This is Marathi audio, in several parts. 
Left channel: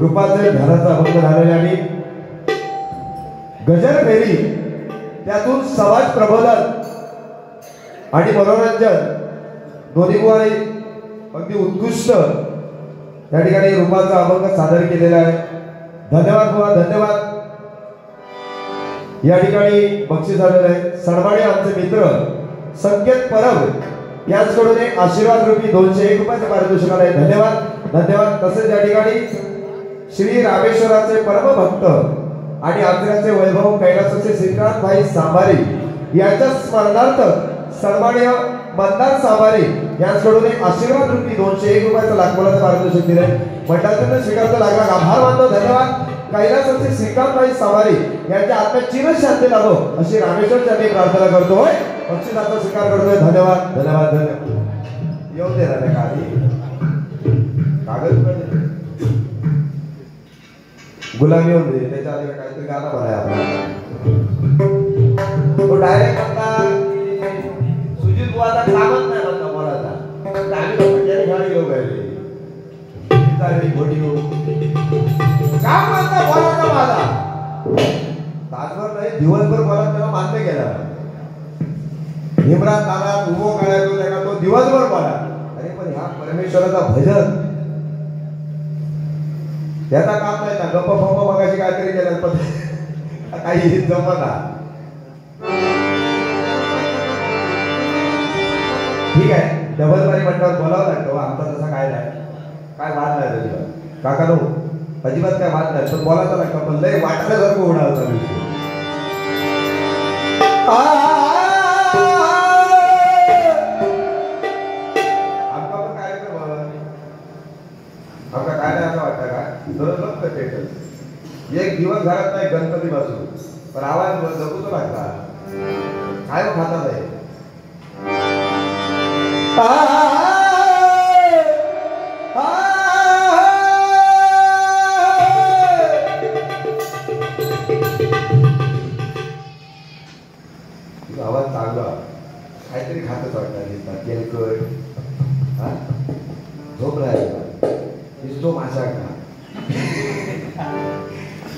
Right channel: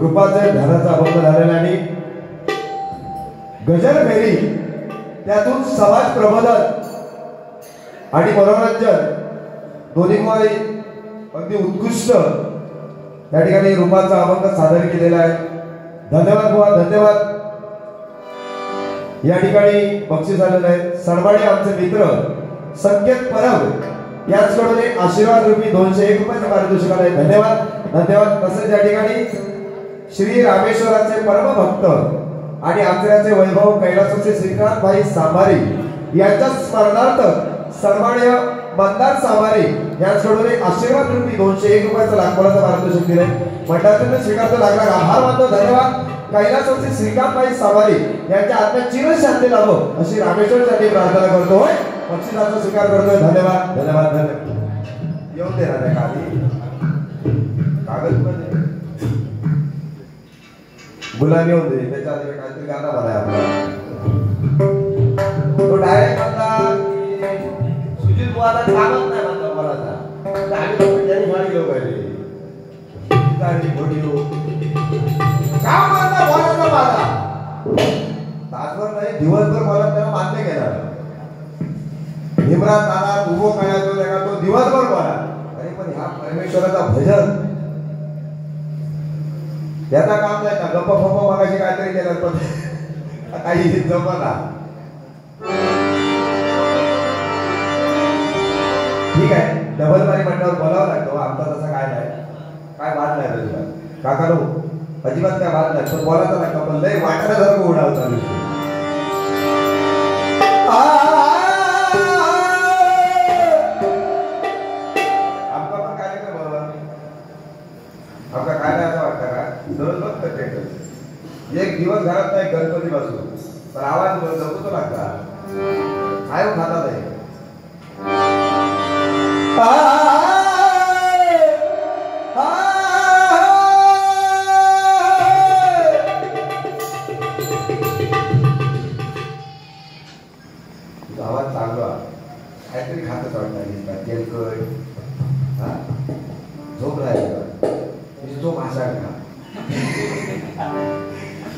रूपाचे घराचा अभंग झालेला आणि गजल फेरी त्यातून समाज प्रबोधन आणि मनोरंजन दोन्हीमुळे अगदी उत्कृष्ट त्या ठिकाणी रूपाचा अभंग सादर केलेला आहे. धन्यवाद बुवा, धन्यवाद. या ठिकाणी बक्षीस आलेलं आहे. सडवाडे आमचे मित्र संकेत परब याचकडून एक आशीर्वाद रूपी 201 रुपयाचे पारितोषिक आहे. धन्यवाद, धन्यवाद. तसेच या ठिकाणी श्री रामेश्वराचे परम भक्त आणि आचऱ्याचे वैभव कैलासाचे श्रीकांत भाई सांभारी यांच्या स्मरणार्थ सन्माननीय मंदार सांभारी यांच्याकडून एक आशीर्वाद रूपी 201 रुपयाचं लाखोलाचं पारितोषिक दिले. मंडळातून स्वीकारतो लागला. आभार मानतो. धन्यवाद. कैलासाचे श्रीकांत भाई सांभारी यांच्या आत्म्यात चिरशांती लाभो अशी रामेश्वर यांनी प्रार्थना करतोय. बक्षिसाचा स्वीकार करतोय. धन्यवाद, धन्यवाद, धन्यवाद. येऊ दे ना कागद गुलामी होते त्याच्या आधी काहीतरी गाणं म्हणाय आपल्याला. तो डायरेक्ट आता सुजित बुवाला कामच नाही म्हणता बोलायचा. आम्ही म्हणजे गाडी घेऊ पाहिजे गाडी घोडी का म्हणता बोलायचा माझा तासभर नाही दिवसभर बोला तेव्हा मान्य केला. भीमराव दादा उभो करायचो तो दिवसभर बोला. अरे पण ह्या परमेश्वराचा भजन त्याचा काम नाही ना. गप्पा फप्पा मगाशी काहीतरी केलं पण काही जमना. ठीक आहे, डबल बारी म्हटल्यावर बोलावं लागतं. आमचा तसा काय नाही, काय वाद नाही अजिबात. काका नो अजिबात काय वाद नाही. तो बोलायचा लागतं पण लय वाटण्यासारखं उडाल चालू. आपला पण कार्यक्रम आपला काय नाही असं वाटतं का एक दिवस घरात नाही गणपती पासून पण आवाज जगूच लागता काय खातात आहे. आवाज चांगला काहीतरी खातच वाटतं. तेलकट झोप राहायचा तो मासा का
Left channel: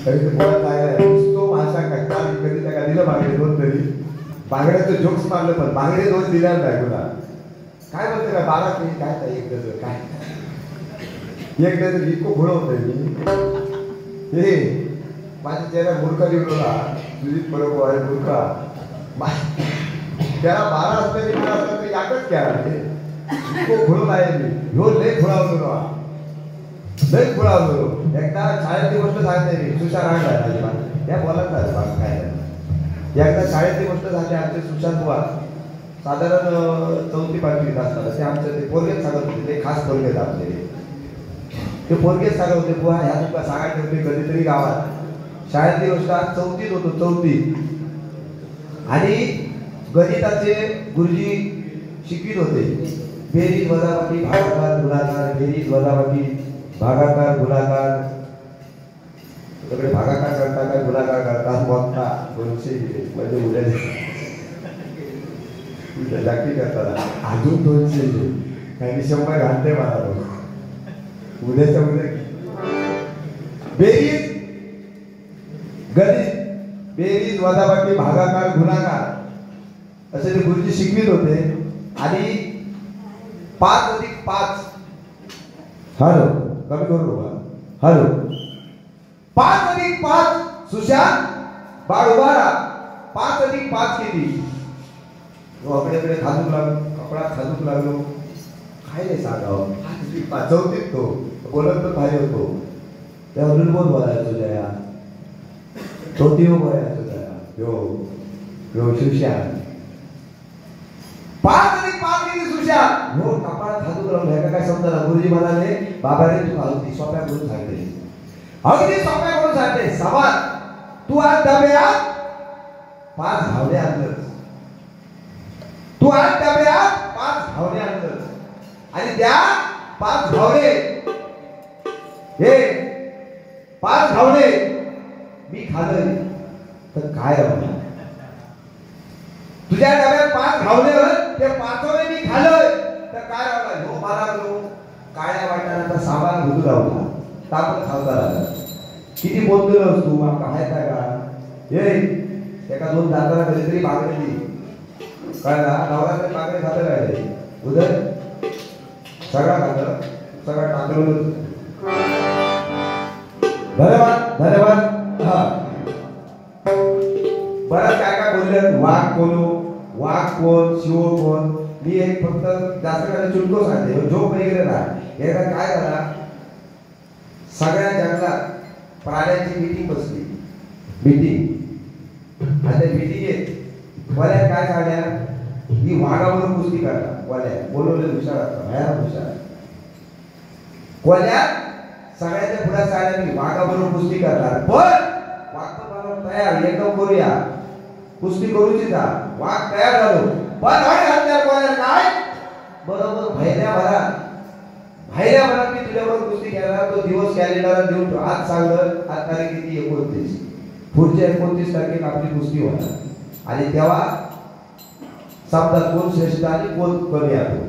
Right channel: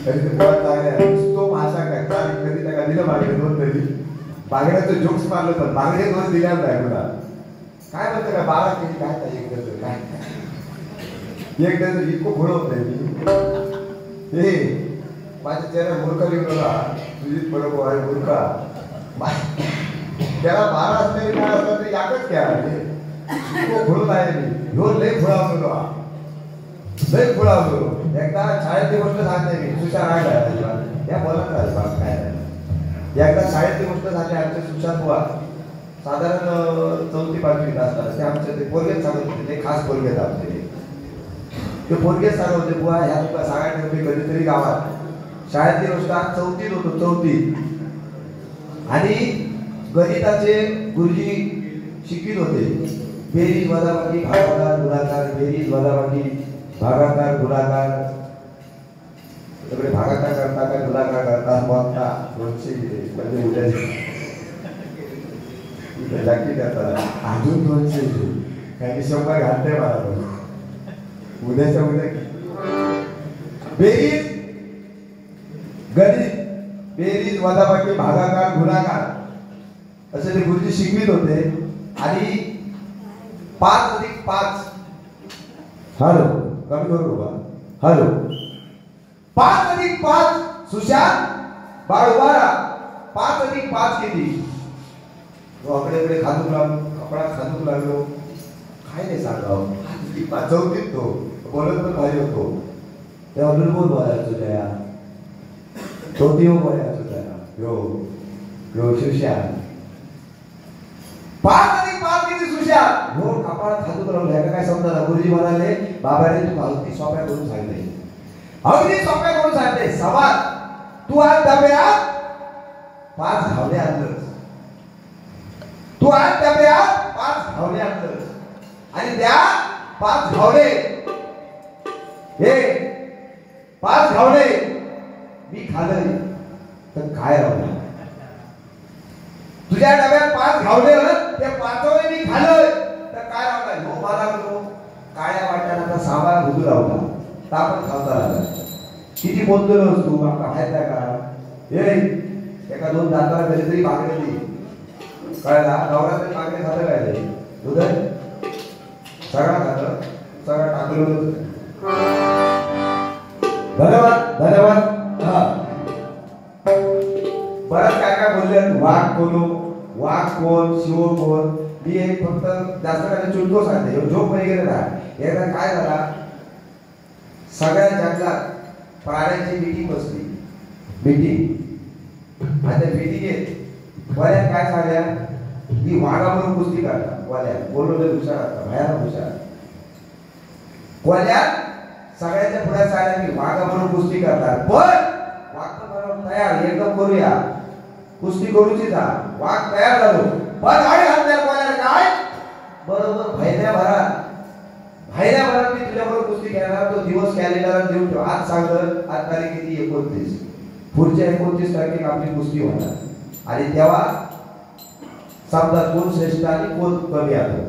तो मासा का कधी त्या दिलं मागडे 2 तरी बागड्याचं जोक्स मारलं पण बागडे 2 दिल्या नाही तुला काय म्हणतं का 12 केजी काय एक डझन काय एक डझन इतकं घोळवतंय मी. हे माझ्या चेहरा मूर्खा निघला सुजित परब आहे मूर्खा त्याला 12 असले 12 असले याकच क्या इतकं घोळत आहे मी. ह्यो लय घोळावतो लय घोळावतो. एकदा शाळेतली गोष्ट सांगते मी. सुशांत राहिला या बोलत नाही काय एकदा शाळेतली गोष्ट सांगते. आमचे सुशांत बुवा साधारण 4थी 5वीत असतात. ते आमचं ते पोरगेच सांगत होते. ते खास पोरगेच आमचे ते पोरगेच सांगत होते बुवा ह्या तुला सांगायचं होते कधीतरी गावात शाळेतली गोष्ट 4थीत होतो 4थीत आणि गणिताचे गुरुजी शिकवित होते. बेरीज वजाबाकी भागाकार गुणाकार बेरीज वजाबाकी भागाकार गुणाकार सगळे भागाकार करता का गुणाकार करतात मोठा 200 म्हणजे उद्या जाती करतात अजून 200 काही 100 घालते मला उद्याच्या उद्या बेरीज गणित बेरीज वजाबाकी भागाकार गुणाकार असे ते गुरुजी शिकवित होते. आणि 5 अधिक 5 हॅलो कमी करू बाबा हॅलो 5 अधिक 5 सुशांत बाळूबारा 5 अधिक 5 किती अकडेकडे खादूक लागलो कपडा खादूक लागलो काय नाही सांगावं. 5 अधिक 5 चौथीत तो बोलत पण भारी होतो तेव्हा बोल बोलायचो त्या चौथी बोलायचो त्या यो सुशांत 5 अधिक 5 किती सुशांत हो कपाळात हात करून घ्यायला काय समजा गुरुजी म्हणाले बाबाने तू अगदी सोप्या करून सांगले अगदी सोप्या करून सांगते सवाल तू आज डब्यात 5 घावणे आणलंस तू आज डब्यात 5 घावणे आणलंस आणि त्या 5 घावणे हे 5 घावणे मी खाल्ले तर काय राहणार तुझ्या डब्यात 5 घावणे ते 5 मी खाल्लं तर काय राहणार हो मला काळ्या वाटणारा सामान घुदू लावला तापत खावता लागला किती बोलतोय तू माहिती आहे का ए एका 2 दाताला तरी पागडली कळला नवरा तरी पागडे झालं काय उदय सगळा खाल्लं सगळं टाकलं धन्यवाद धन्यवाद हा बरं काय बोलले वाघ कोण शिव कोण मी एक फक्त जास्त काय चुटको सांगते झोप नाही गेलं ना एकदा काय झाला सगळ्या जंगलात प्राण्यांची मीटिंग बसली मीटिंग आणि मीटिंगेत बऱ्या काय सांगल्या की वाघाबरोबर कुस्ती करतात कोल्या बोलवलं हुशार असतात भयानक हुशार कोल्या सगळ्यांच्या पुढे सांगल्या की वाघाबरोबर कुस्ती करतात पण वाघ तयार एकदम करूया कुस्ती करूची जा वाघ तयार झालो पण काय घातल्या कोल्या काय बरोबर भाईल्या मी तुझ्याबरोबर कुस्ती खेळणार तो दिवस कॅलेंडरला देऊन ठेव आज सांगलं आज तारीख किती 29 पुढच्या 29 तारखेला आपली कुस्ती होणार आणि तेव्हा समजा कोण श्रेष्ठ आणि कोण कमी आहे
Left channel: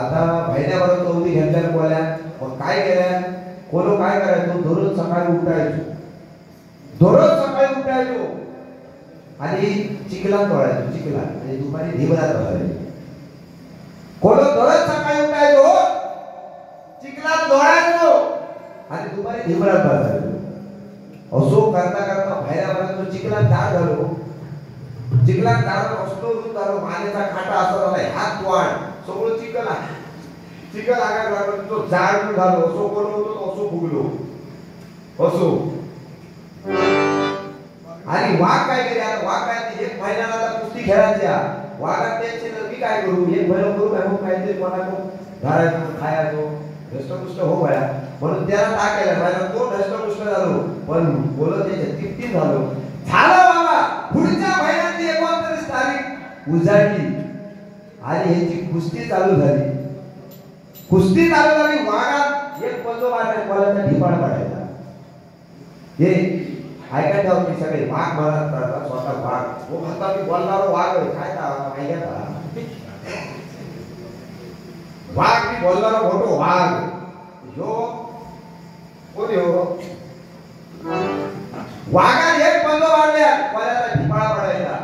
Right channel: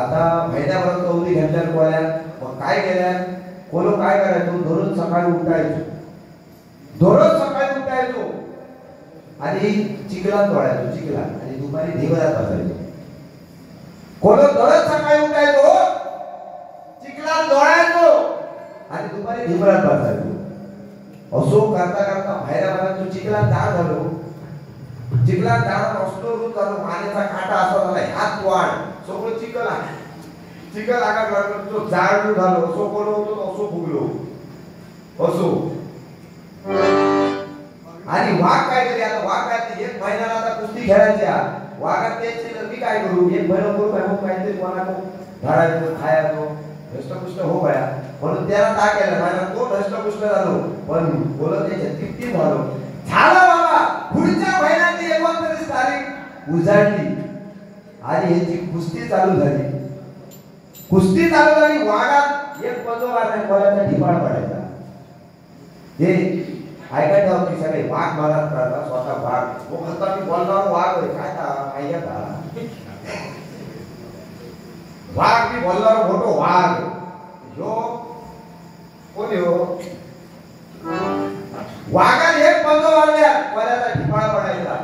आता भाईल्याबरोबर चौथी घेतल्या कोल्या मग काय केल्या कोण काय करायचो दररोज सकाळी उठायचो आणि चिखलात तोडायचो चिखलात आणि दुपारी ढिबरात बसायचो कोण दररोज सकाळी उठायचो चिखलात तोडायचो आणि दुपारी ढिबरात बसायचो असो करता करता बाहेर आला तो चिखलात दार झालो चिखलात दार असतो झालो पाण्याचा काटा असतो हात वाढ सगळं चिखल आगा लागलो तो झाड झालो असो कोण होतो असो फुगलो असो आणि वाघ काय केले आता वाघ काय एक महिन्याला आता कुस्ती खेळायच्या वाघात तेच मी काय करू एक महिना करू काय मग काहीतरी कोणाको घालायचो खायचो धष्टपुष्ट हो गया म्हणून त्याला काय केलं माझ्या तो धष्टपुष्ट झालो पण बोलत त्याच्या किती झालो बाबा पुढच्या महिन्याची 29 तारीख उजाडली आणि याची कुस्ती चालू झाली वाघात एक पदो मारण्यात कोणाचा ढिपाळ पडायचा हे ऐकायला जाऊ की सगळे वाघ मारत करतात स्वतः वाघ वो म्हणतात की बोलणारा वाघ होय काय ऐका वाघ मी बोलणारा मोठो वाघ जो कोण हो वाघाने एक पदो मारल्या कोणाचा ढिपाळ पडायचा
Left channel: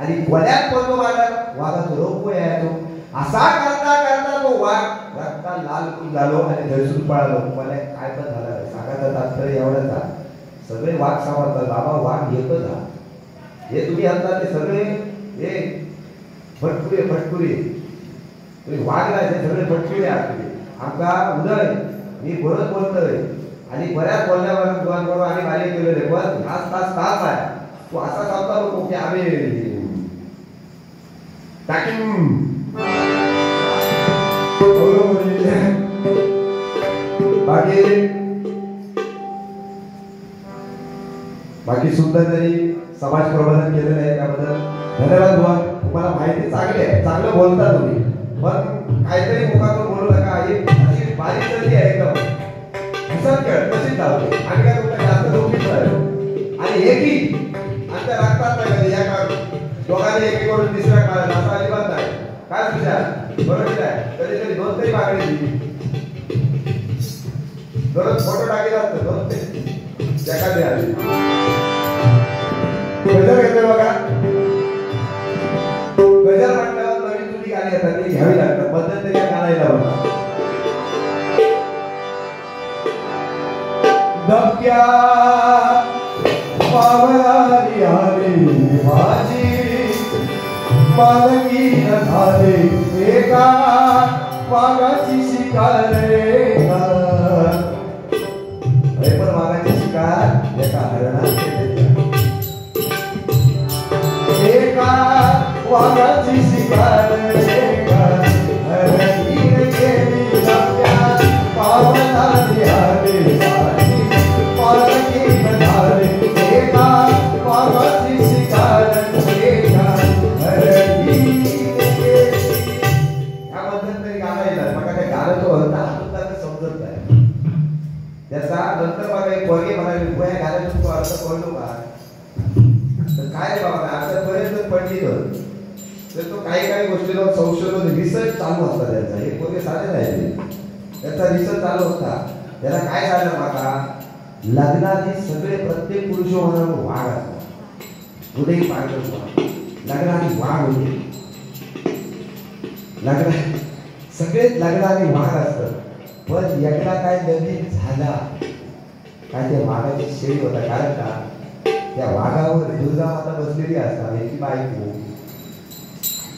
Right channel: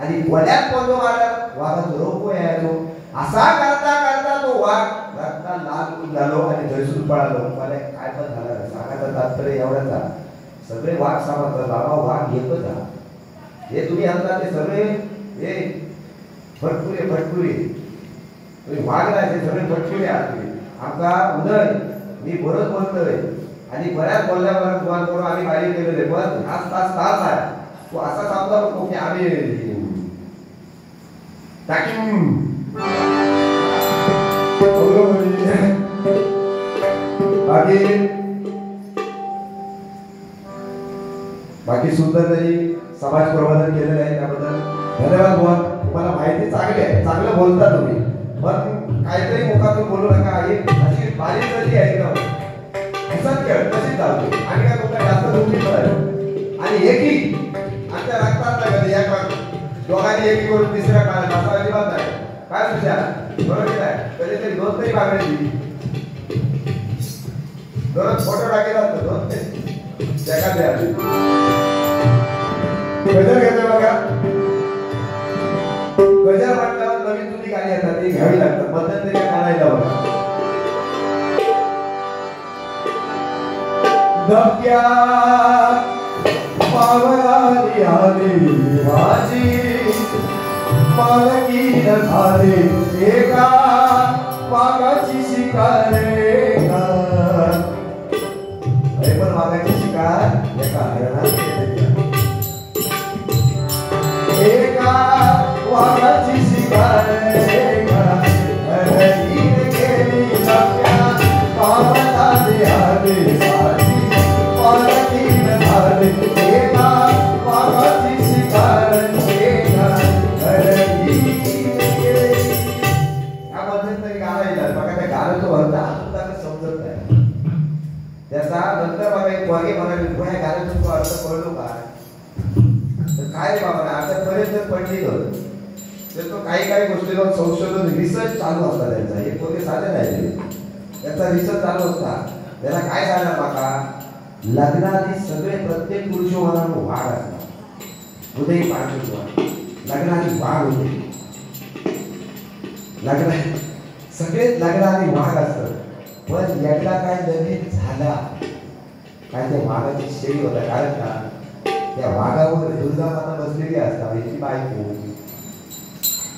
आणि कोल्यात पदो मारल्या वाघाचा रोग यायचो असा करता करता तो वाघ रक्ता लाल झालो आणि धरसून पळालो मला काय पण झालं सांगायचं तात्पर्य एवढंच सगळे वाघ समजतात बाबा वाघ एकच हे तुम्ही आणता ते सगळे हे फटकुरे तुम्ही वाघ नाही सगळे फटकुरे आहात आमचा उदय मी बोलतोय आणि बऱ्याच बोलल्यावर फोन करून आम्ही गाडी केलेले पण तास आहे तो असा सांगता नको की आम्ही बाकी सुंदर तरी समाज प्रबोधन केलेलं आहे त्याबद्दल धन्यवाद तुम्हाला माहिती चांगली आहे चांगलं बोलता तुम्ही पण काहीतरी मुखातून बोलू नका एक अशी बारीक गती आहे एकदम हसत खेळ तशीच चालते आणि काय तुमच्या जास्त गोष्टी आणि एकही आमच्या रक्तात नाही कधी या दोघांनी एकी करून तिसऱ्या काळात असा अजिबात नाही काय विचार बरोबर आहे कधीतरी 2 तरी मागणी दररोज फोटो टाकेला 2 त्या द्या गजर घेतोय बघा गजर म्हटल्यावर नवीन जुनी गाणी येतात ती घ्यावी लागतात मध्यंतरी काय गाणं लावलं दबक्या पावलाली आली माझी पालकी न झाले एका पागाची शिकार पण मागाची शिकार एका हरणाची एका वाघाची शिकार एका पोरगे म्हणाले तुला या गाण्याचा तुला अर्थ कळलो का तर काय रे बाबा आतापर्यंत पडली तर तो काही गोष्टींवर संशोधन रिसर्च चालू असतात त्यांचा हे पोरगे साधे नाही त्याचा रिसर्च चालू असता त्याला काय सांगणार माका लग्नाआधी सगळे प्रत्येक पुरुष होणार वाघ असतात उदय पाहिजे लग्नाआधी वाघ होते लग्न सगळे लग्नाआधी वाघ असतात पण एकदा काय लगीन झाला काय त्या वाघाची शेळी होता कारण का त्या वाघावर दुर्गा माता बसलेली असतात याची बायको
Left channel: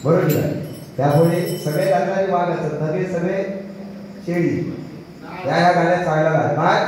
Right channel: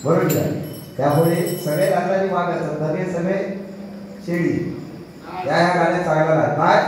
बरोबर आहे त्यामुळे सगळे लग्नाआधी वाघ असतात नवे सगळे शेळी या गाण्यात सांगायला काय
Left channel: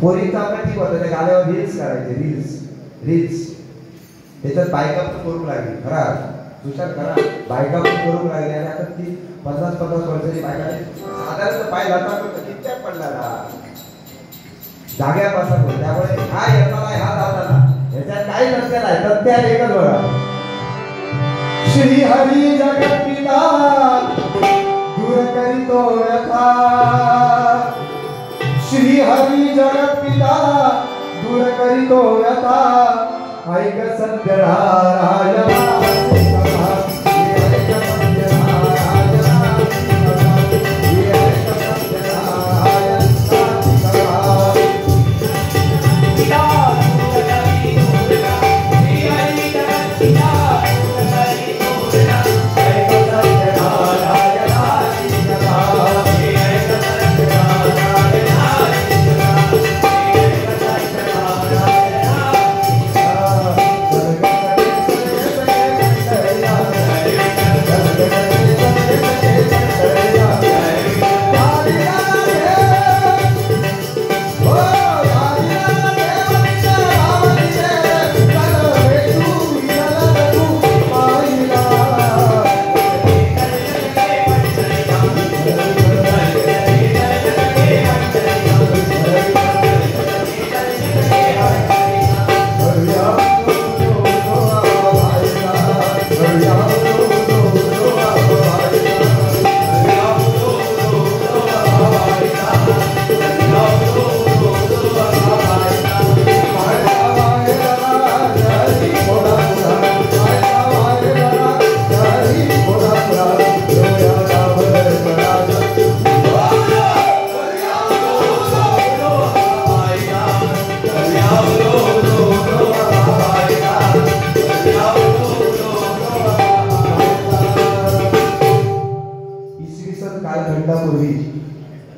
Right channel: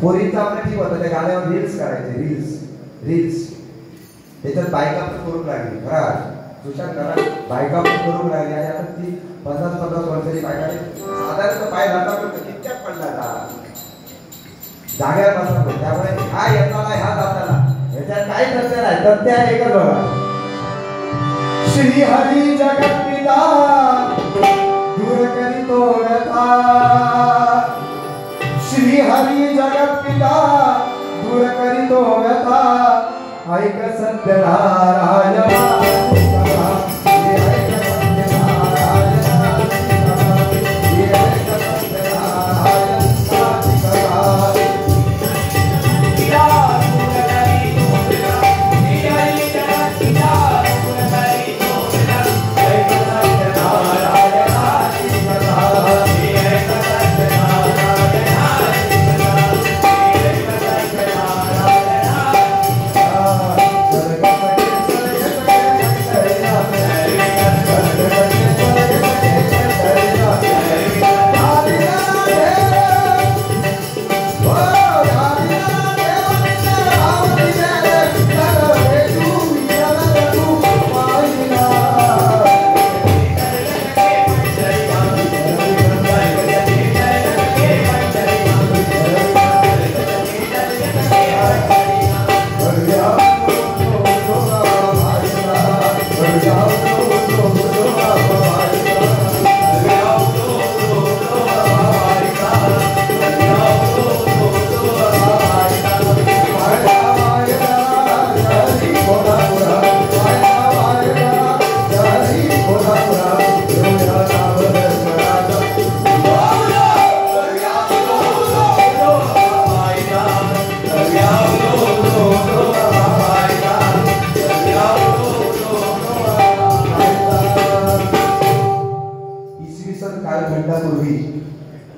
पोरीचा आपण ठीक होता त्या गाण्यावर रील्स करायचे रील्स त्याच्यात बायका पण करून लागली खरं सुशांत करा बायका पण करून लागली आणि आता ती 50 वर्षाची बायका साधारण पाय घालता कित्या पडला का जाग्यावर बसा पण त्यामुळे काय येताना ह्या जाताना याच्यात काही नसतं नाही तर त्या एकच बघा श्री हरी जगत पिता दूर करीतो यथा श्री हरी जगत पिता दूर करीतो यथा ऐक सत्य राया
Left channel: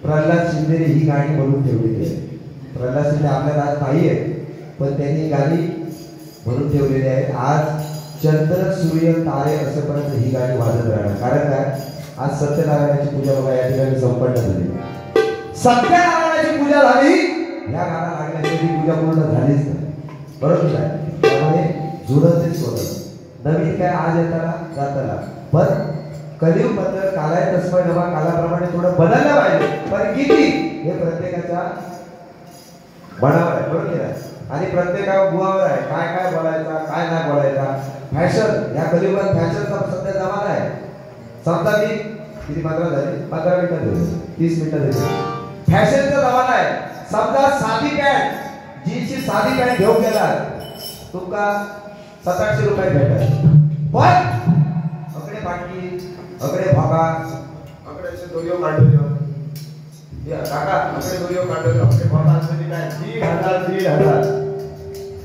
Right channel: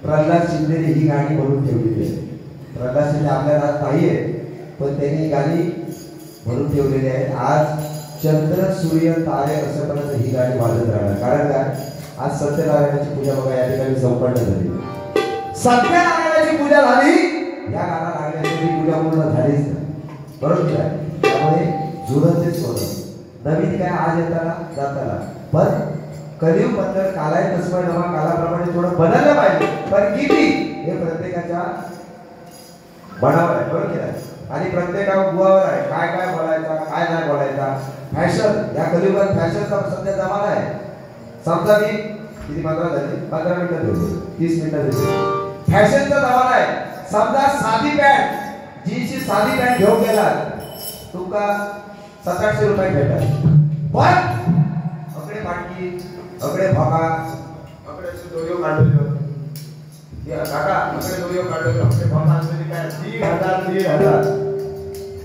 प्रल्हाद शिंदे ही गाणी म्हणून ठेवली आहे. प्रल्हाद शिंदे आपल्याला आज नाही आहे पण त्यांनी गाणी म्हणून ठेवलेली आहेत. आज चंद्र सूर्य तारे असेपर्यंत ही गाणी वाजत राहणार. कारण काय आज सत्यनारायणाची पूजा बघा या ठिकाणी संपन्न झाली. सत्यनारायणाची पूजा झाली या गाणं लागल्याची पूजा पूर्ण झालीच बरोबर आहे. त्यामुळे जुळतच होतं. नवीन काय आज येताना जाताना पण कलियुग पत्र कालाय तस्मै नमः कालाप्रमाणे थोडं बदललं पाहिजे पण किती हे प्रत्येकाच्या बनावर आहे बरोबर आहे. आणि प्रत्येकावर बुवावर आहे काय काय बोलायचा काय नाही बोलायचा. फॅशन या कलियुगात फॅशनचा सध्या जमाना आहे. समजा मी किती 15 झाली 15 मिनिटं देतो 30 मिनिटं देतो. फॅशनचा जमाना आहे. समजा साधी पॅन्ट जीन्सची साधी पॅन्ट घेऊन गेला तुमका 700-800 रुपये भेटतात. पण अकडे पाटकी अकडे भागा अकडे दोरियो काढलो या काका अकडे दोरियो काढलो अकडे भागा असले काय 3,000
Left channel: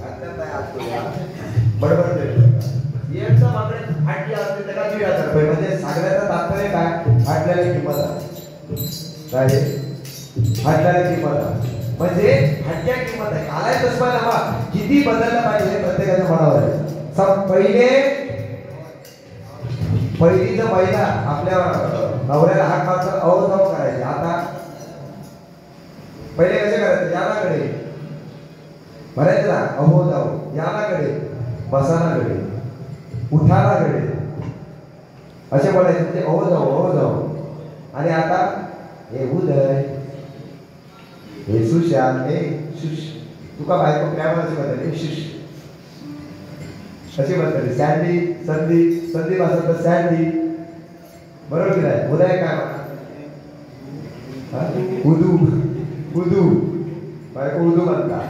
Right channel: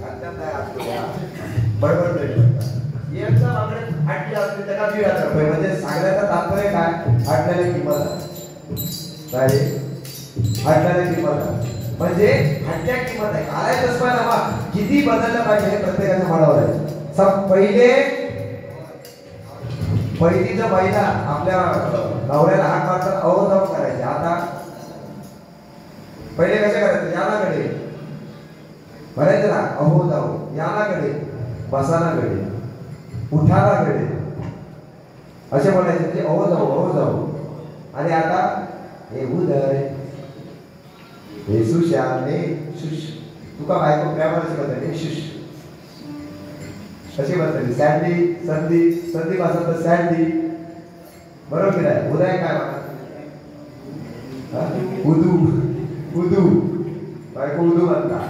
आता काय आज बरोबर एकदम अकडे फाटके असतील त्याला 1,500 रुपये. म्हणजे सांगण्याचं तात्पर्य काय? फाटल्याला किंमत आहे. काय फाटल्याला किंमत आहे म्हणजे फाटक्या किंमत आहे. घालायचं असं ना किती बदललं पाहिजे प्रत्येकाच्या मनावर आहे. पहिलीचा महिला आपल्या नवऱ्याला हात मारतात अहो जाऊ करायचे. आता पहिले कसे करायचे? यानाकडे म्हणायचं ना अहो जाऊ, यानाकडे, बसानाकडे, उठानाकडे असे बोलायचे. म्हणजे अहो जाऊ अहो जाऊ. आणि आता हे उदय, हे सुशांत, हे शुश, तुका बायको प्रेमाची बदलली शुश कशी म्हणतात? सँडी, संदीप, संदीप असं तर सँडी, बरोबर की नाही? उदय काय म्हणतात? उदू, उदू, बायको उदू म्हणतात.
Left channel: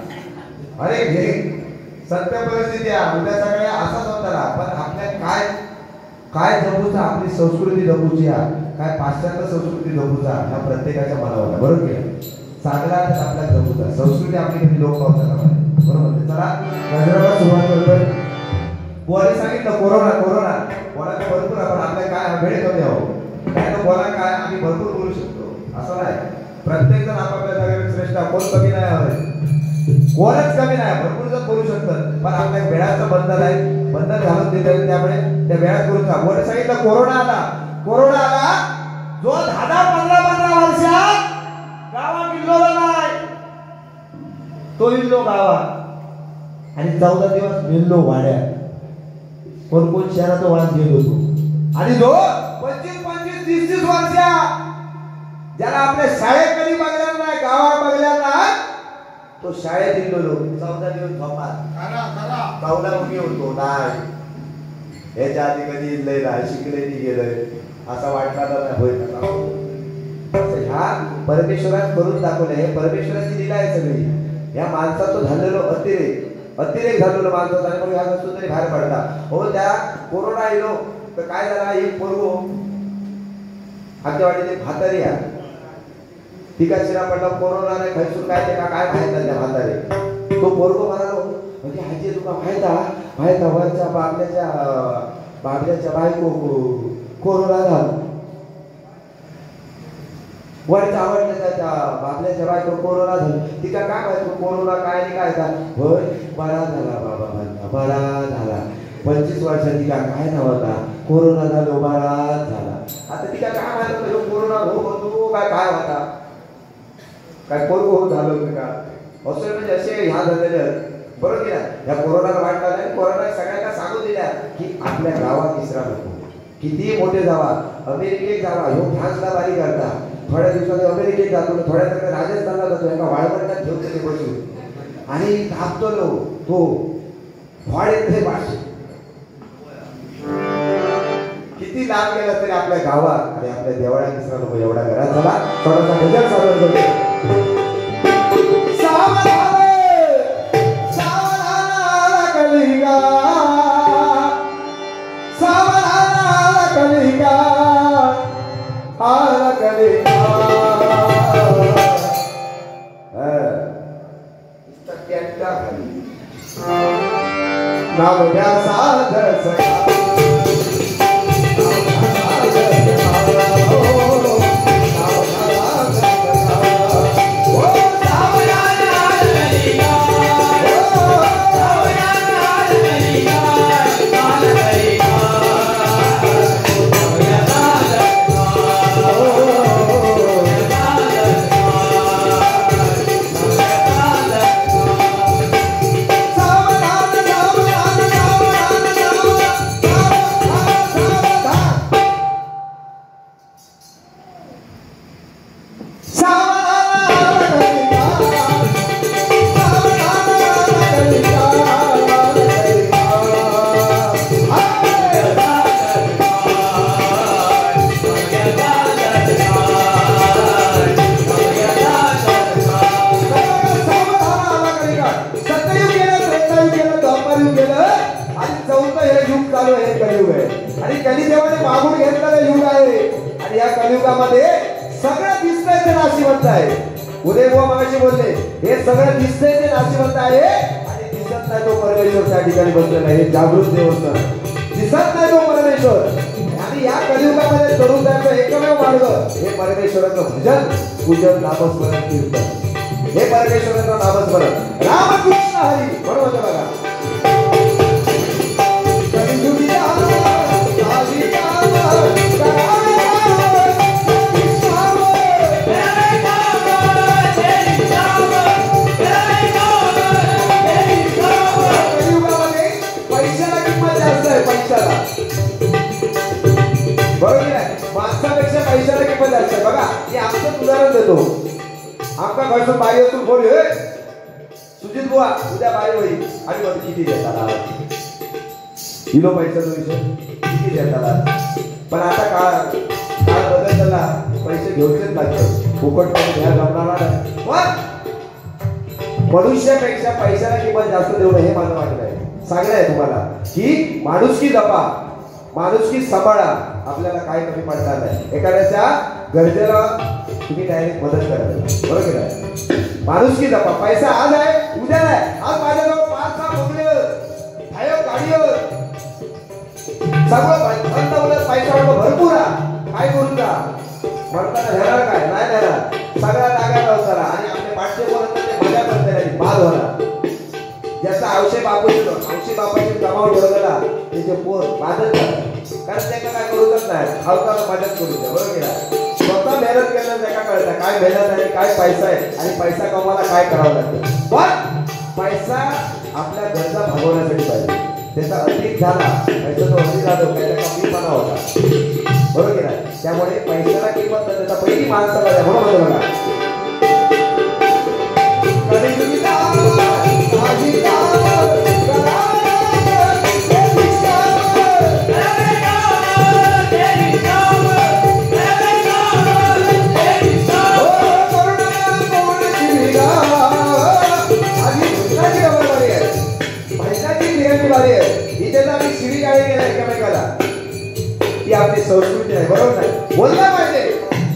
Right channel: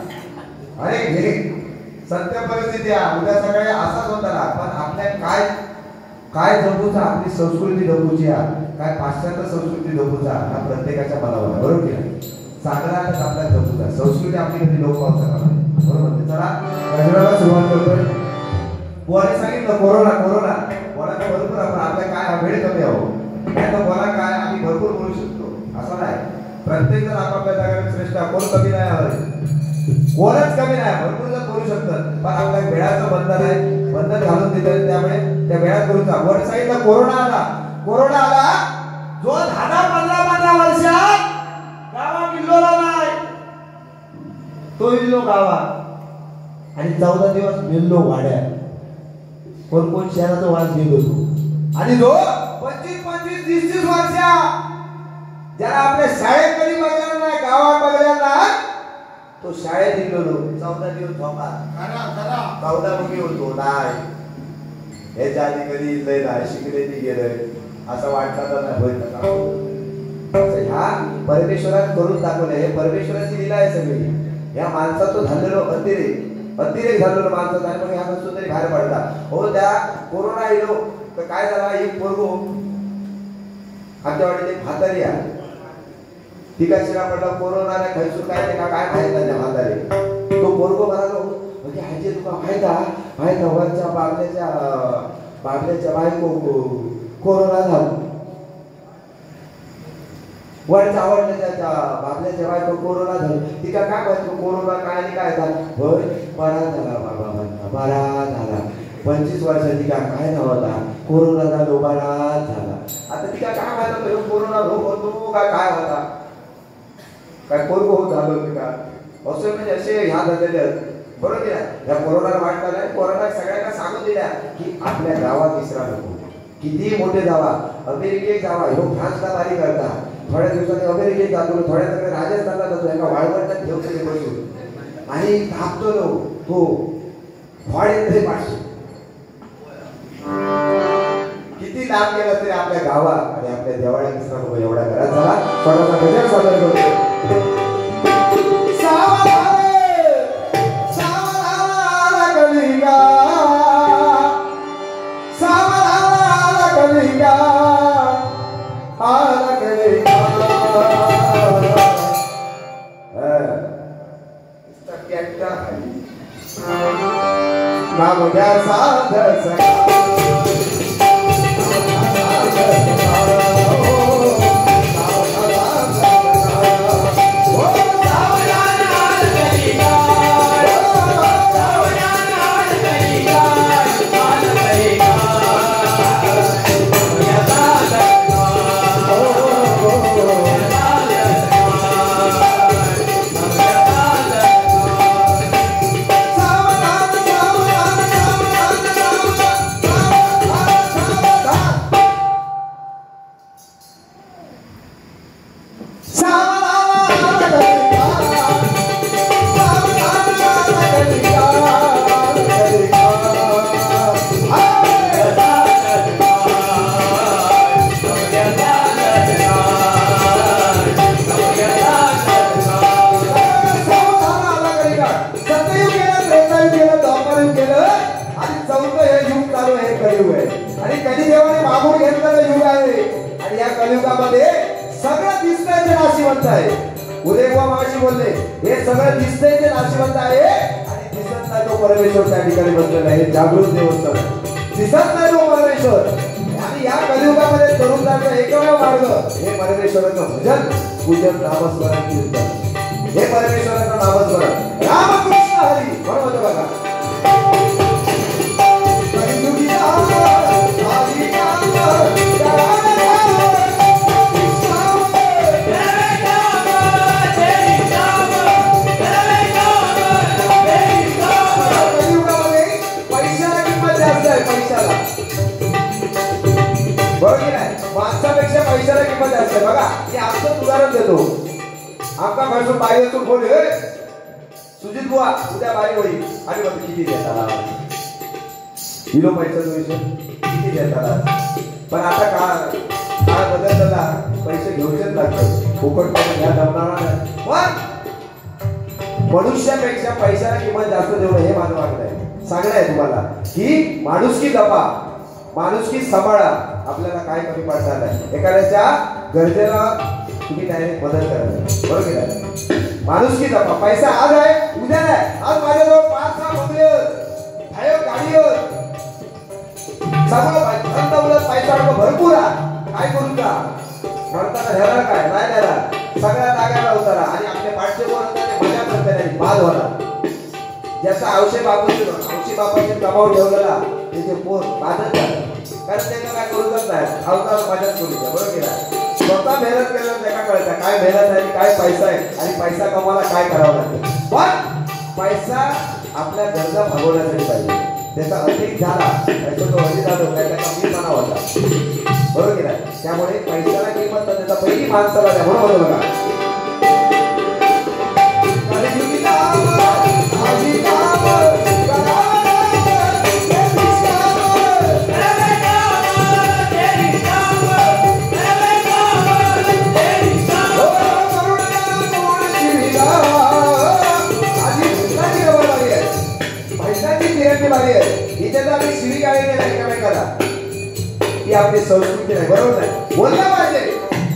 अरे हे सत्य परिस्थिती आहे. उद्या सगळे असाच होता ना. पण आपल्या काय काय जपूचा, आपली संस्कृती जपूची आहे, काय पाश्चात्य संस्कृती जपूचा हा प्रत्येकाच्या मनावर, बरोबर की नाही? चांगला आपल्या जपूचा संस्कृती आपली कधी लोक पावतात, बरोबर? चला गजराला सुरुवात करतोय. बोलायला सांगितलं कोरोना कोरोना बोलायचं भरपूर आपण आपल्या काय वेळ कमी आहो नाही तर बोला काय आम्ही भरपूर बोलू शकतो असं नाही. प्रत्येक जण आपापल्या जागेवर श्रेष्ठ, कोण कमी नाही आहे, कोणच कमी नाही, भरपूर जण बोलू शकतात. पण आपल्या वेळाचं बंधन आहे, बंधन घालून देतात. त्यामुळे त्या वेळात बोलूचा वर सांगितलं कोरोना आला. कोरोना आला जो 10-15 वर्षात गावा किल्लोला नाही तो इल्लो गावा आणि 14 दिवस मिल्लो वाड्यात. कोण शहराचा वास घेत होतो. आणि जो 25-30 वर्ष ज्याला आपल्या शाळेत कधी बघायला नाही, गावा बघायला नाही, तो शाळेत गेलो 14 दिवस झोपात गावला मुली होतो नाही. याच्या आधी कधी लय नाही शिकले ती गेलंय असं वाटला तर नाही होईल. हा परमेश्वरात करून दाखवलं. हे परमेश्वराची लीला आहे सगळी. या माणसाचं झालेलो अतिरेक झालेलो माणसाचा आणि मग ह्या वस्तू तरी बाहेर पडला. हो त्या कोरोना येलो तर काय झाला, एक पोरगो आमच्या वाडीत एक म्हातारी आहे, तिका शिरा पडला कोरोनाने खर्चून काय ते काय फायदा त्या म्हातारी. तो पोरगो म्हणालो म्हणजे हाजी तुका फायदा वरच्या बाबल्याच्या बायको कोरोना झाला, वरच्या आवडल्याच्या बाबल्याच्या बायको कोरोना झाला. तिका काय माहिती कोरोना काय नाही काय झाला. होय बरा झाला बाबा म्हणता, बरा झाला. 25 वर्षात तिका काय नव्हता कोरोना झालो, बरा झाला. आता तिका काय माहिती कोरोना रोग होतो काय काय होता, काय कोरोना झालं होतं का असं म्हणजे असे ह्या झालेले आहेत, बरोबर की नाही? या कोरोनाला वाटला नाही. कोरोना सगळ्यांना सांगून दिल्या की आपल्या गावात विसरा नको. किती मोठे जावा, अमेरिकेत जावा, ह्यो फ्रान्सला बारी करता, थोड्या दिवसात अमेरिकेत जातो, थोड्या दिवसात राजस्थानला जातो, एका वाळवंटात ठेवतो बसून आणि थांबतो तो वाढेल पाचशे. किती लाभ केला तरी आपल्या गावात आणि आपल्या देवाळ्यात विसरा नको. एवढा घरात झाला थोडासा गजर सादर करतो. जागृत देवस्थान दिसत नाही परमेश्वर आणि या कलियुगामध्ये तरुणांचा एकमेव मार्ग हे परमेश्वराचं भजन पूजन नामस्मरण कीर्तन हे परमेश्वराचं नामस्मरण रामकृष्ण हरी बरोबर बघा पैशाला किंमत असते बघा की आमचं उदाहरण देतो आमका घरचं बाई असून बोल सुजित बुवा उद्या बाई होईल आणि किती देतात किलो पैशाचा विषय किती देतात पण आता काळ बदलला पैसे घेऊनच लागतो फुकट पैसे घ्यायला जमणार नाही पण मनुष्यापेक्षा पैशाला किंमत जास्त देऊ हे माझं मागणं आहे सांगणं आहे तुम्हाला की माणुसकी जपा माणुसकी सांभाळा आपल्याला काय कमी पडणार नाही एखाद्याच्या गरजेला तुम्ही डायरेक्ट मदत करा बरोबर केलं माणुसकी जपा पैसा आज आहे उद्या नाही आज माझ्याजवळ 5-6 बंगले गाडी सगळं पैसा भरपूर काय करू का म्हणताना ह्याला काय नाही ह्याला सगळ्या जागा उतारा आणि आपले पाठचे मजा करते बाद होणार ज्याचा औषध बापाचे दबाव ठेवलेला त्याचे पोर बाधत कारण त्यांना काय करूच नाही अवतार मदत करू द्या बरोबर केला स्वतः मेहनत केलं त्याला कळतं काय मेहनत आहे काय पैसा आहे आणि पैसा कमवायला काय करावं लागतं पण पैसा आपल्या गरजा भागवण्यासाठी पाहिजे त्याचा अधिक झाला त्याचा तो अधिक झाला त्याचा कमीपणा होता बरोबर केला त्यामुळे पैशाला किंमत त्याचा पहिली माणसाला द्या बरोबर बघा आपली संस्कृती आहे बरोबर नाही बोललं पाहिजे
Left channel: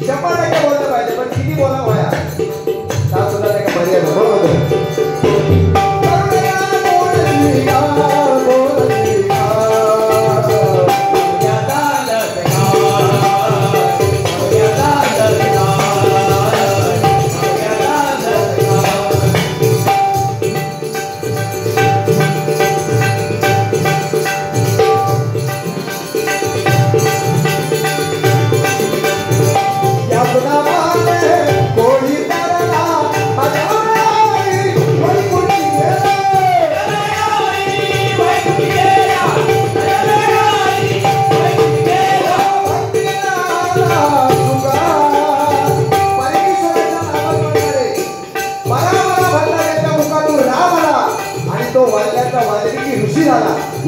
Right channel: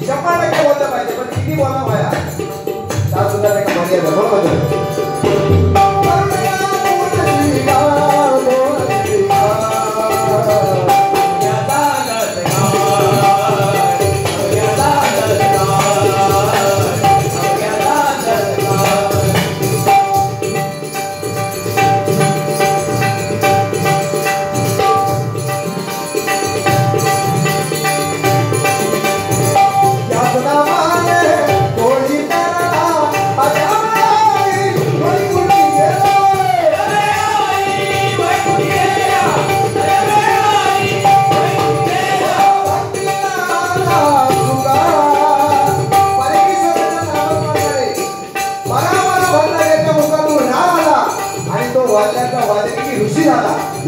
100% बोललं पाहिजे पण किती बोला व्हाया त्या सुद्धा त्याला मर्यादा बरोबर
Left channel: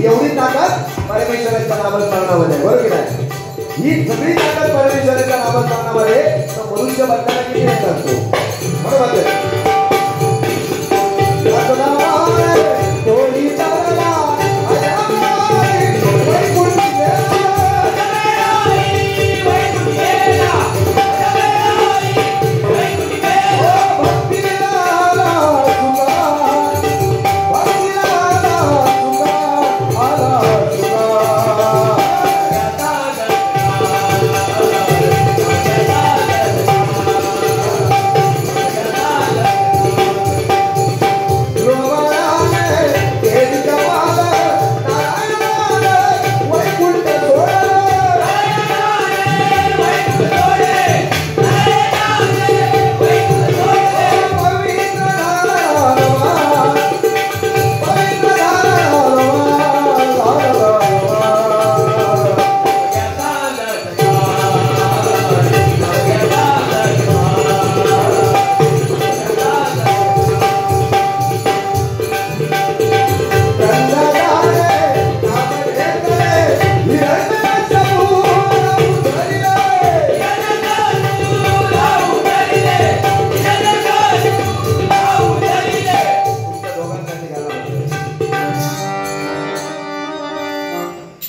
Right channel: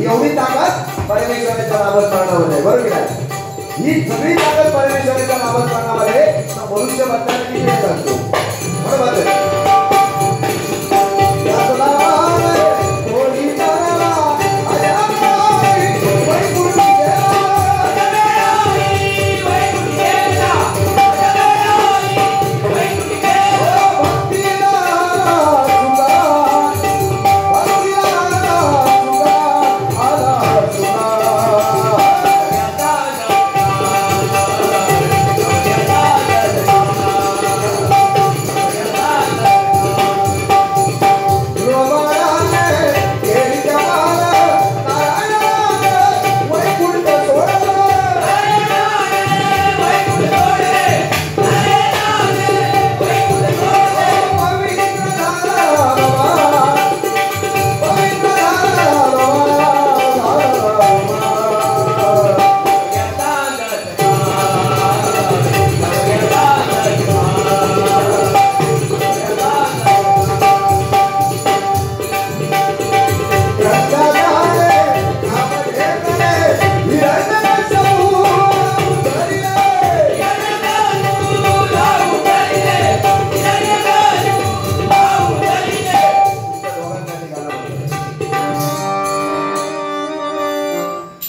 एवढी ताकद परमेश्वराच्या नामस्मरणामध्ये बरोबर आहे ही सगळी ताकद परमेश्वराच्या नामस्मरणामध्ये मनुष्य बदलायला किती वेळ लागतो बरोबर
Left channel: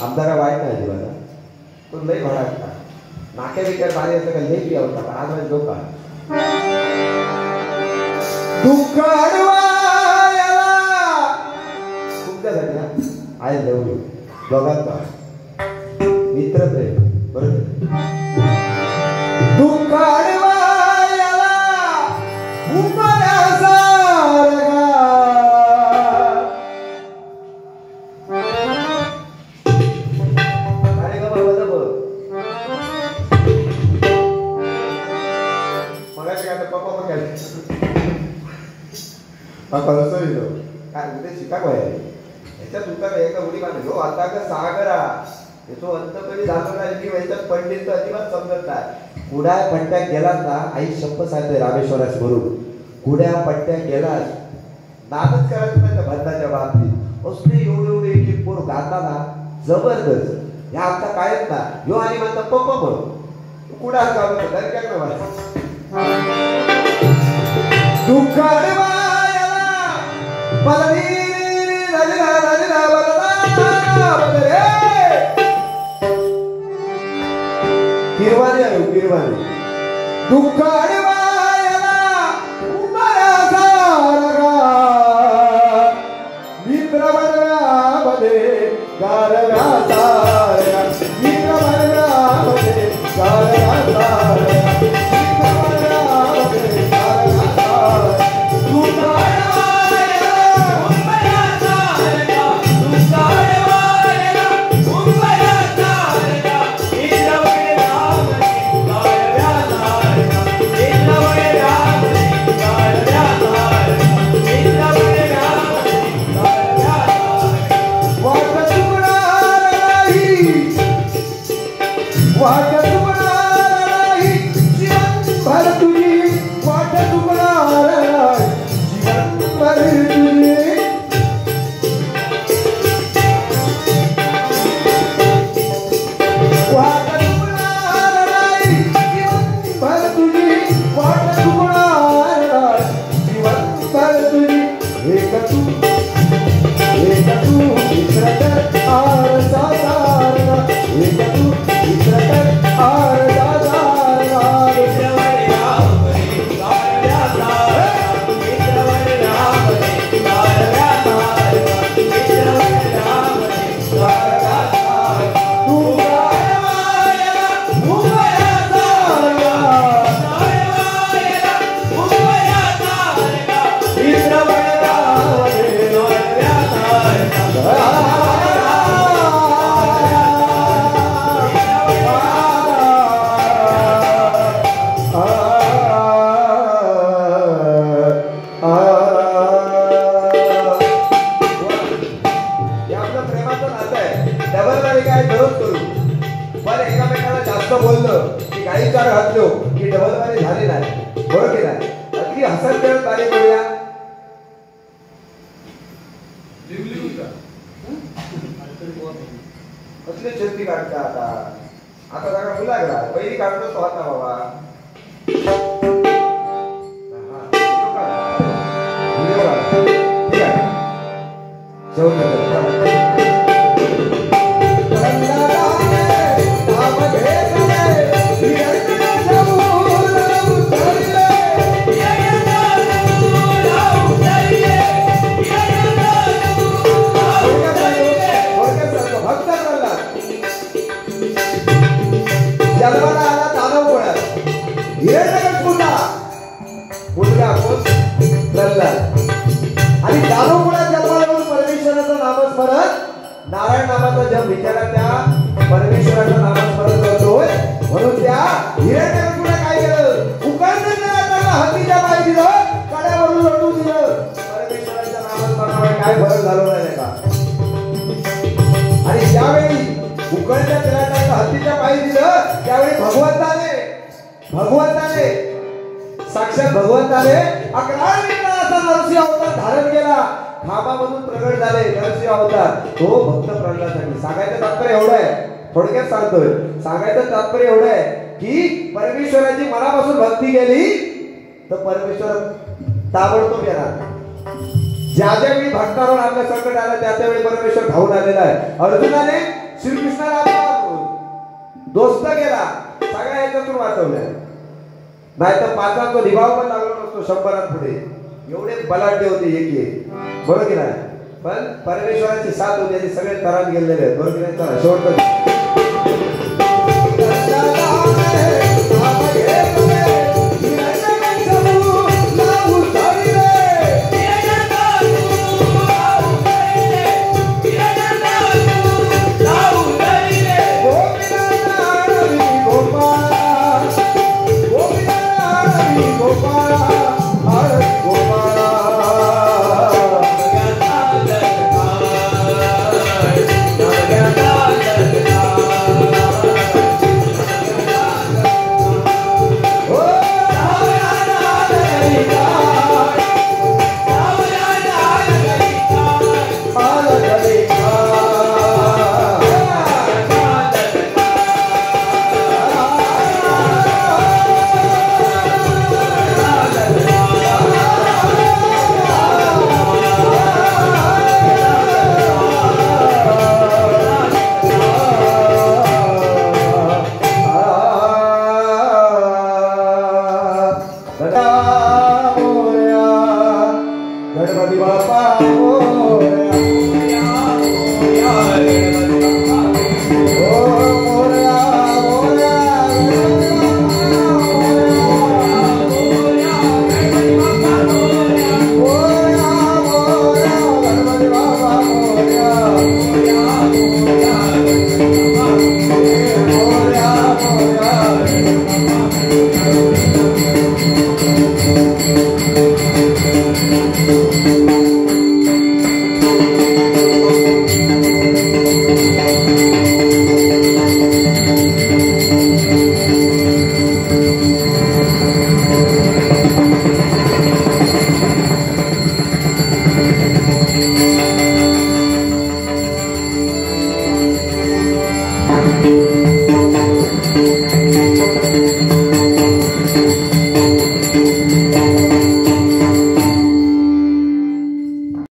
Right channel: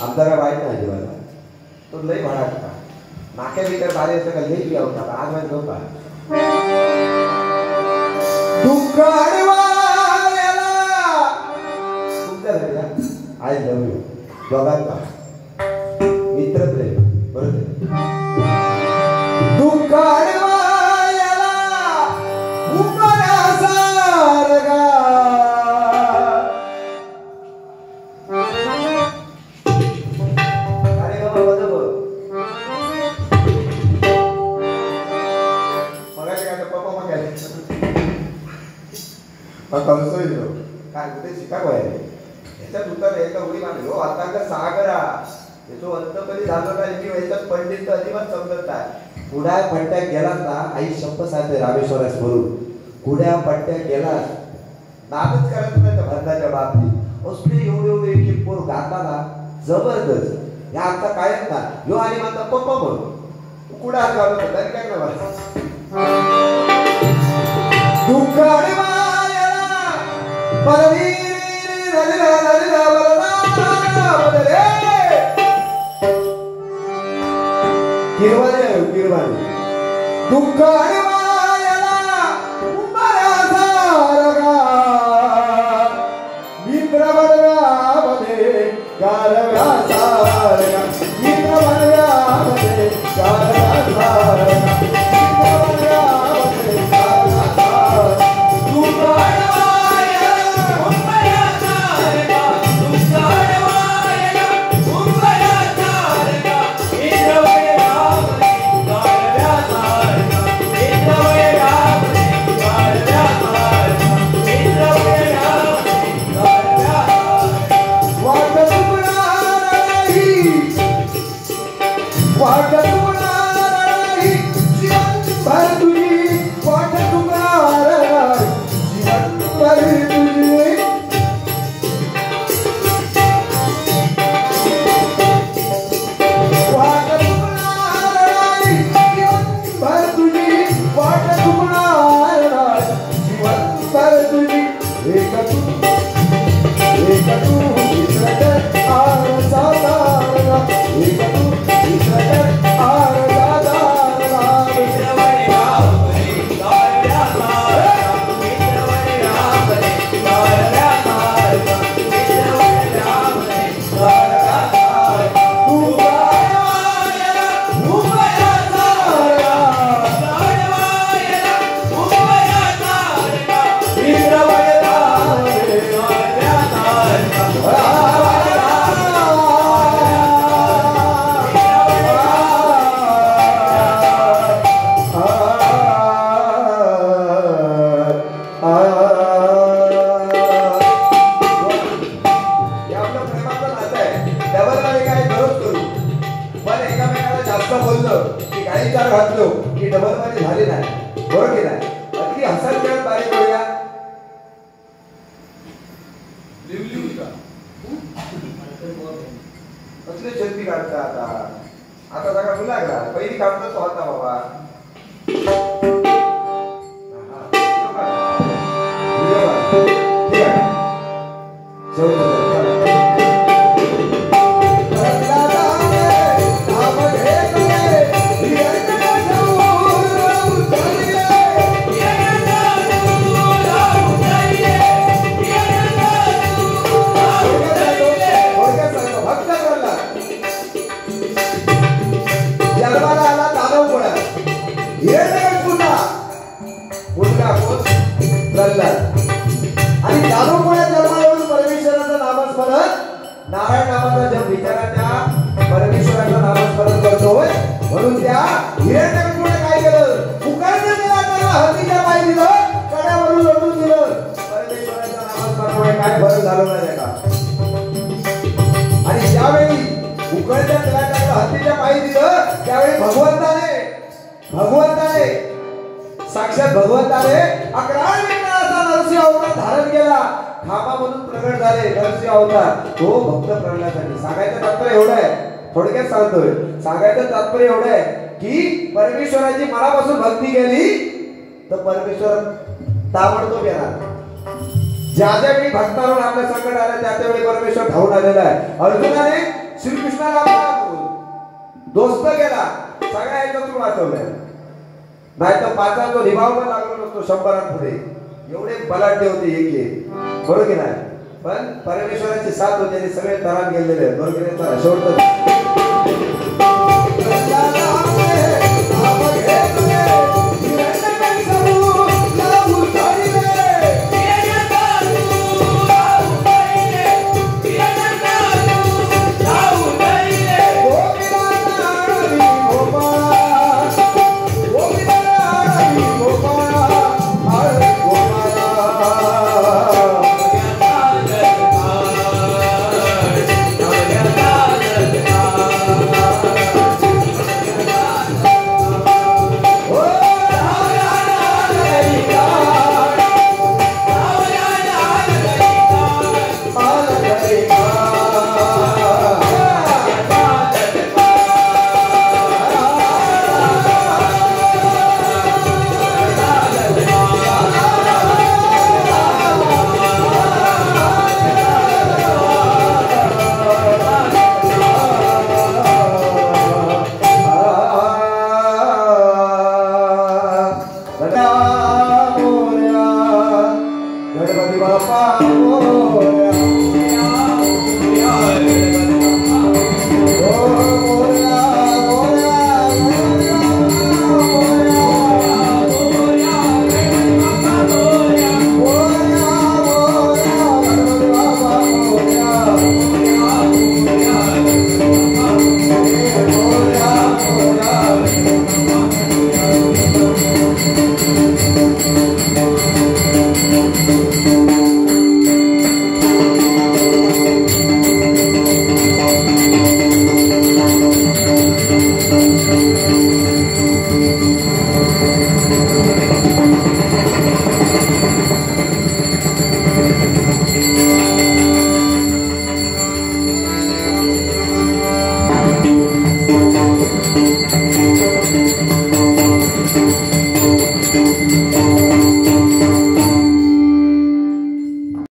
आमदारा वाईट नाही जीवाला तो लई म्हणा नाक्या बिकर भारी असं का लई होता आज माझं लोक दुःख तुमच्यासाठी आय लव्ह यू दोघांचा मित्रप्रेम बरोबर. दुःखाळवायाला उमऱ्यासारखा अरे बाबा बघ मगाशी काय पप्पा मग काय काय कुठे शिकागो आहे याच्यात उत्तर एका उडी मारलो आता का सागरा याचो अंत कधी झाला नाही की याच्यात पंडित तर अजिबात समजत नाही. कुड्या पट्ट्या गेलास ना आई शब्द सांगते रामेश्वरास बोलून कुड्या पट्ट्या गेलास नादच करायचं नाही भरताच्या बाबतीत असले एवढे की पोर गाताना जबरदस्त या आमचा कायच ना यो आणि माझा पप्पा म्हणून कुडा घालत काय करणार दुःखाळवायाला किरवाने आहे किरवाने दुःखाळवायाला उमऱ्यासारखा मित्रवर्गामध्ये गारव्यासारखा मित्रवर्गामध्ये गारव्यासारखा मित्रवर्गामध्ये गारव्यासारखा साक्षात भगवंताने 11 विघ्नाचा नरसिंह अवतार धारण केला. खांबामधून प्रगट झाले नरसिंह अवतार. तो भक्त प्रल्हादासाठी सांगायचं तात्पर्य एवढं आहे, थोडक्यात सांगतोय. सांगायचं तात्पर्य एवढं आहे की परमेश्वराची मनापासून भक्ती केली तर परमेश्वर ताबडतोब येणार. ज्या ज्यावेळी भक्तावर आपल्या संकट आलं त्या त्यावेळी परमेश्वर धावून आलेला आहे. अर्जुनाने श्रीकृष्णाला दोस्त केला, सगळ्या याच्यातून वाचवलंय. नाही तर पाचांचा निभाव पण लागलो नसतो 100 पुढे. एवढे बलाढ्य होते एक बरोबर की नाही. पण परमेश्वराची साथ होती, सगळे तरान गेलेले बरोबर. शेवट